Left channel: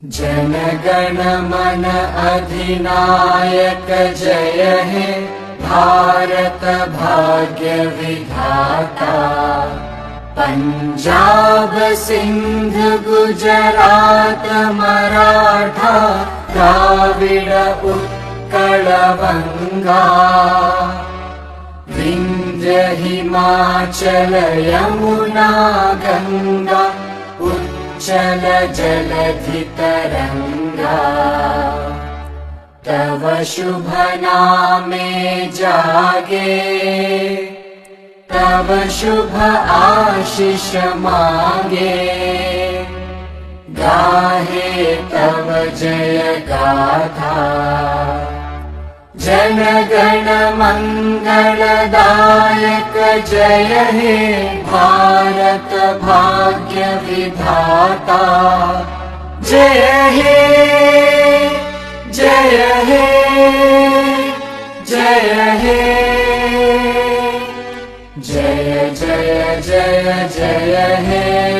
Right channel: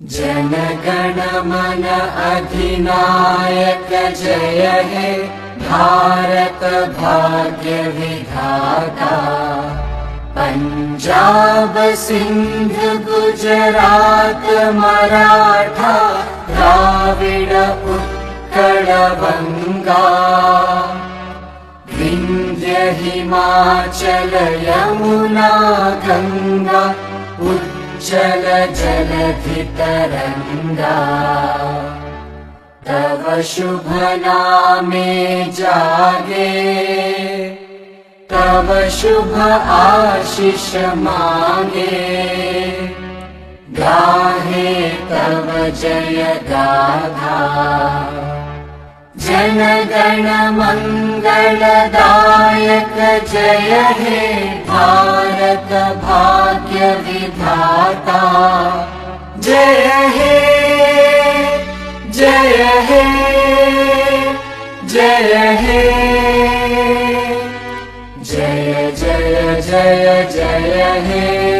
जन गण मन अधिनायक जय हे भारत भाग्य विधाता। पंजाब सिंध गुजरात मराठा द्राविड उत्कल बंगा। विंध्य हिमाचल यमुना गंगा उच्चल जलधि तरंगा। तव शुभ नामे जागे तव शुभ आशीष मांगे। गाहे तव जय गाथा जन गण मंगलदायक जय हे भारत भाग्य विधाता। जय हे जय हे जय हे जय जय जय जय हे।